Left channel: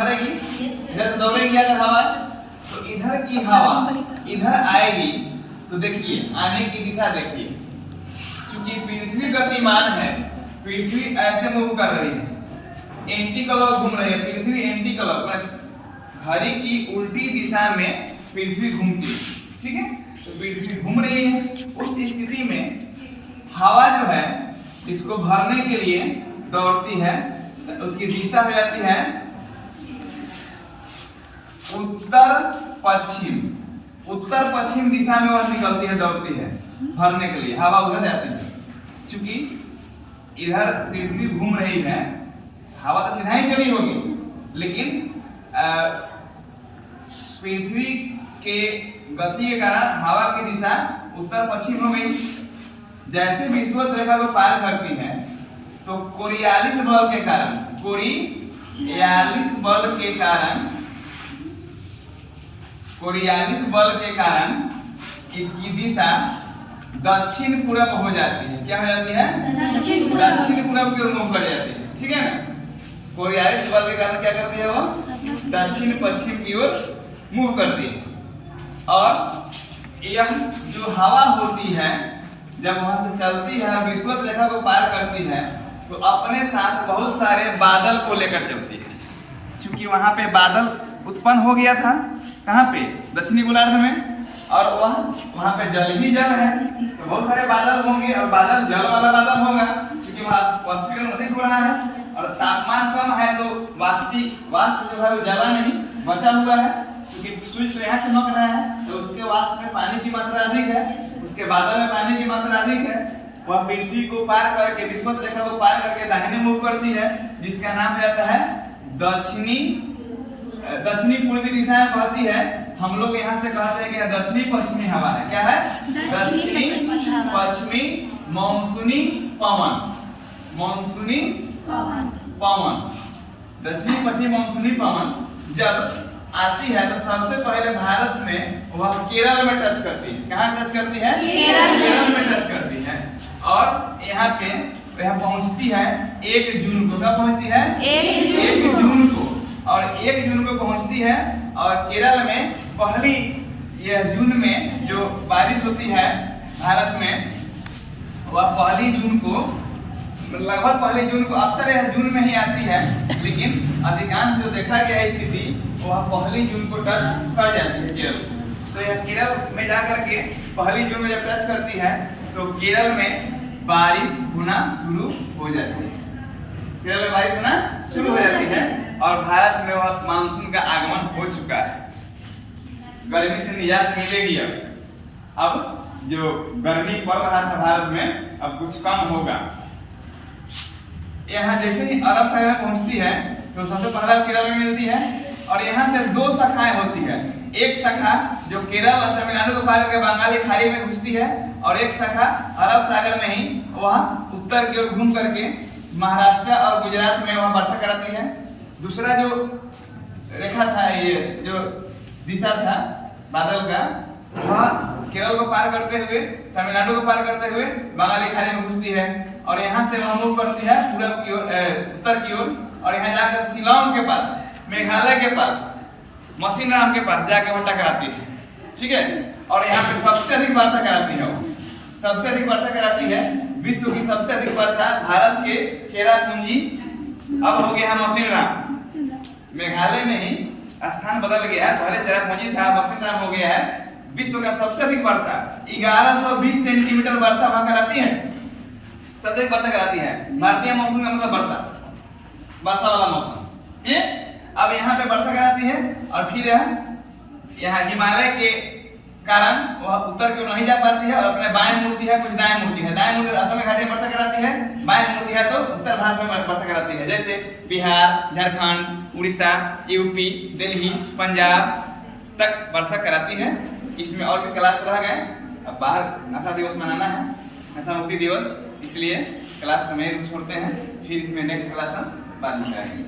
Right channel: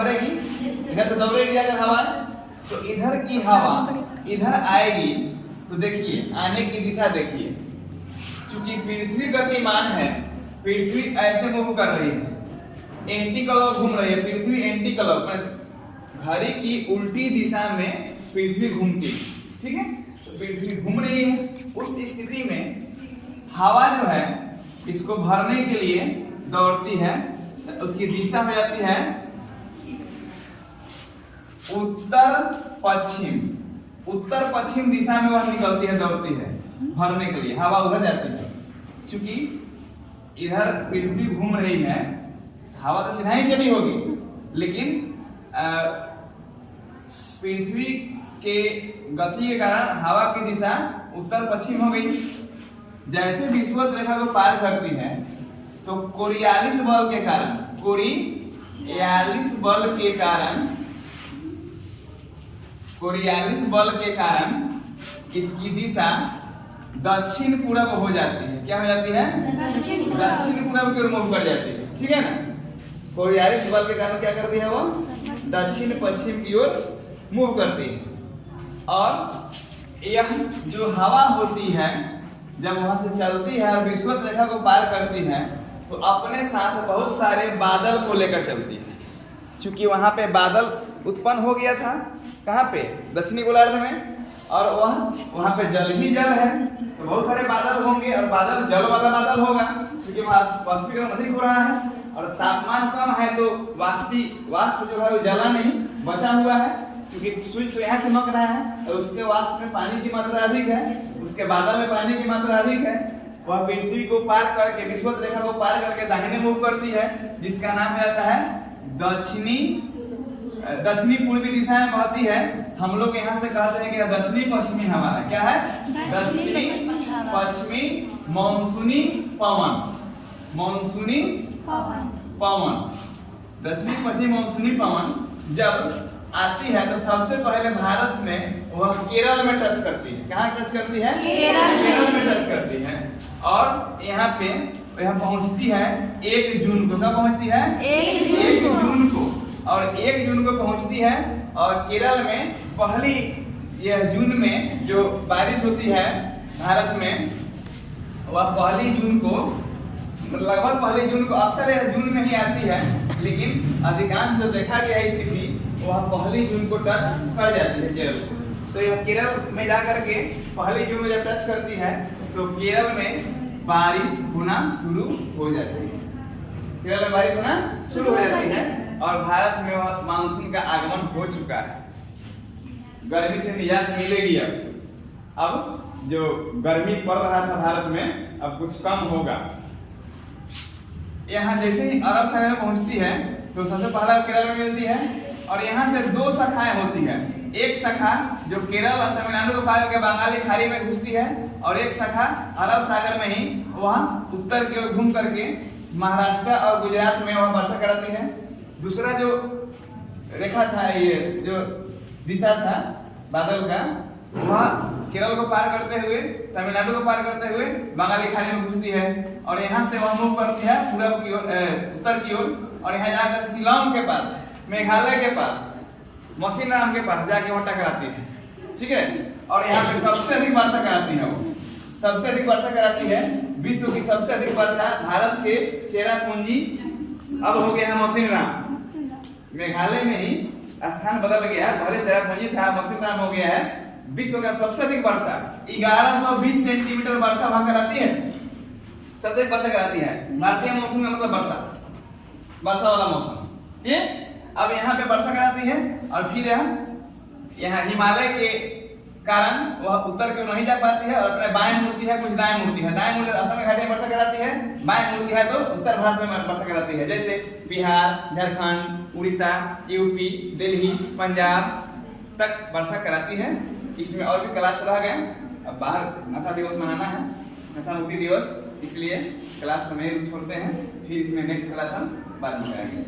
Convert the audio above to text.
भरेगी, इधर से दौड़ेगी अगर हवा, तो इधर की हवा इधर आएगी, तो देखिए आने की दिशा देखिए, क्योंकि पृथ्वी गतिमान है, पृथ्वी ऐसे मूव कर रही है, एंटी क्लॉक घूम रही है, पृथ्वी एंटी क्लॉक घड़ी की उल्टी दिशा में पृथ्वी घूमती है, ठीक है। तो पृथ्वी घूम रही है, उस स्थिति में हवा जो है इसको भरने के लिए दौड़ती है, तो उसकी दिशा हो जाती है उत्तर पश्चिम, उत्तर पश्चिम दिशा में वह निकलती है, दौड़ती है भरने के लिए, हवा उधर जाती है। क्योंकि इधर पृथ्वी घूम रही है, हवा तो सीधा ही चली होगी, लेकिन पृथ्वी के गति के कारण हवा की दिशा उत्तर पश्चिम हो गई। जैसे विषुवत रेखा को पार करती है, तो कोरियालिस बल के कारण, कोरियालिस बल के कारण इसकी दिशा दक्षिण पूर्व हो जाती है। क्या हो जाती है? दक्षिण पूर्व की ओर मूव कर जाती है, ठीक है ना। कोरियालिस बल के कारण क्या करती है, वो दक्षिण पश्चिम की ओर मूव करती है। और यह जो हवा होती है, जब वहां से चलती है और विषुवत रेखा को पार करती है, तो अपने साथ बहुत सारे बादल को लेकर चलती है। क्योंकि वहां पे बादल उत्पन्न हो गया था, कहाँ पे? दक्षिणी गोलार्ध में, और वहां पे जल ही जल है, तो बहुत सारे बादल होंगे, और बादल जल वाला बादल होगा, क्योंकि वहां वाष्पीकरण अधिक हो रहा है और तापमान कम है, तो वाष्प जो है वो जला नहीं, बचा हुआ है। क्योंकि सूर्य तो यहाँ चमक रहा है, तो उसके वाष्प में पानी की मात्रा अधिक है, उसके बादल में पानी की मात्रा अधिक है। वह पृथ्वी को पार करके, विषुवत रेखा को पार करके दाहिने मूव करती है, जिसका नाम हो जाता है दक्षिणी पूर्वी दिशा में बहती है। हम लोग यहाँ से कहते हैं कि दक्षिणी पश्चिमी हवा है। क्या है? दक्षिणी पश्चिमी मानसूनी पवन, मानसूनी पवन, दक्षिणी पश्चिमी मानसूनी पवन जब आती है, तो सबसे पहले भारत में वह केरल में टच करती है। कहाँ टच करती है? केरल में टच करती है। और यहाँ पे यह पहुँचती है 1 जून को। कब पहुँचती है? 1 जून को। और 1 जून को पहुँचती है, और केरल में पहली यह जून में जो बारिश होती है भारत में, वह पहली जून को, लगभग पहली जून को, अक्सर यह जून में ही आती है, लेकिन अधिकांश जो देखा गया स्थिति वह पहली जून को टच कर जाती है केरल। तो यह केरल में जाकर के पहली जून में जब टच करती है, तो केरल में बारिश होना शुरू हो जाती है, केरल में बारिश होना शुरू हो जाती है, और भारत में वह मानसून का आगमन हो चुका है। गर्मी से निजात मिलेगी। अब जो गर्मी पड़ रहा था भारत में, अब कुछ कम होगा। यहाँ जैसे ही अरब सागर में पहुंचती है, तो सबसे पहला केरल में मिलती है, और यहाँ से 2 शाखाएं होती है। एक शाखा जो केरल और तमिलनाडु को पार करके बंगाल की खाड़ी में घुसती है, और एक शाखा अरब सागर में ही वह उत्तर की ओर घूम करके महाराष्ट्र और गुजरात में वह वर्षा कराती है। दूसरा जो रेखा था, ये जो दिशा था बादल का, वह केरल को पार करते हुए, तमिलनाडु को पार करते हुए बंगाली खाड़ी में घुसती है, और यहाँ से वह मूव करती है पूरब की ओर, उत्तर की ओर, और यहाँ जाकर शिलांग के पास, मेघालय के पास, मौसिनराम के पास जाके वह टकराती है, ठीक है। और यहाँ पे सबसे अधिक वर्षा कराती है, वो सबसे अधिक वर्षा कराती है। विश्व की सबसे अधिक वर्षा भारत के चेरापूंजी, अब हो गया है मौसिनराम, मेघालय में ही स्थान बदल गया, पहले चेरापूंजी था, मौसिनराम हो गया है। विश्व का सबसे अधिक वर्षा 1120 सेंटीमीटर वर्षा वहां कराती है, सबसे अधिक वर्षा कराती है। भारतीय मौसम का मतलब वर्षा वाला मौसम। ये अब यहाँ पे वर्षा कराती है, और फिर यहाँ हिमालय के कारण वह उत्तर की ओर नहीं जा पाती है, और अपने बाएं मुड़ती है, कुछ दाएं मुड़ती है। दाएं मुड़ती असम घाटी में वर्षा कराती है, बाएं मुड़ती है तो उत्तर भारत में वर्षा कराती है, जैसे बिहार, झारखंड, उड़ीसा, यूपी, दिल्ली, पंजाब तक वर्षा कराती है। इसमें और भी क्लास रह गए। अब बाहर भाषा दिवस मनाना है, भाषा मुक्ति दिवस, इसलिए क्लास को नहीं छोड़ते हैं। फिर इसमें नेक्स्ट क्लास हम बाद में करेंगे।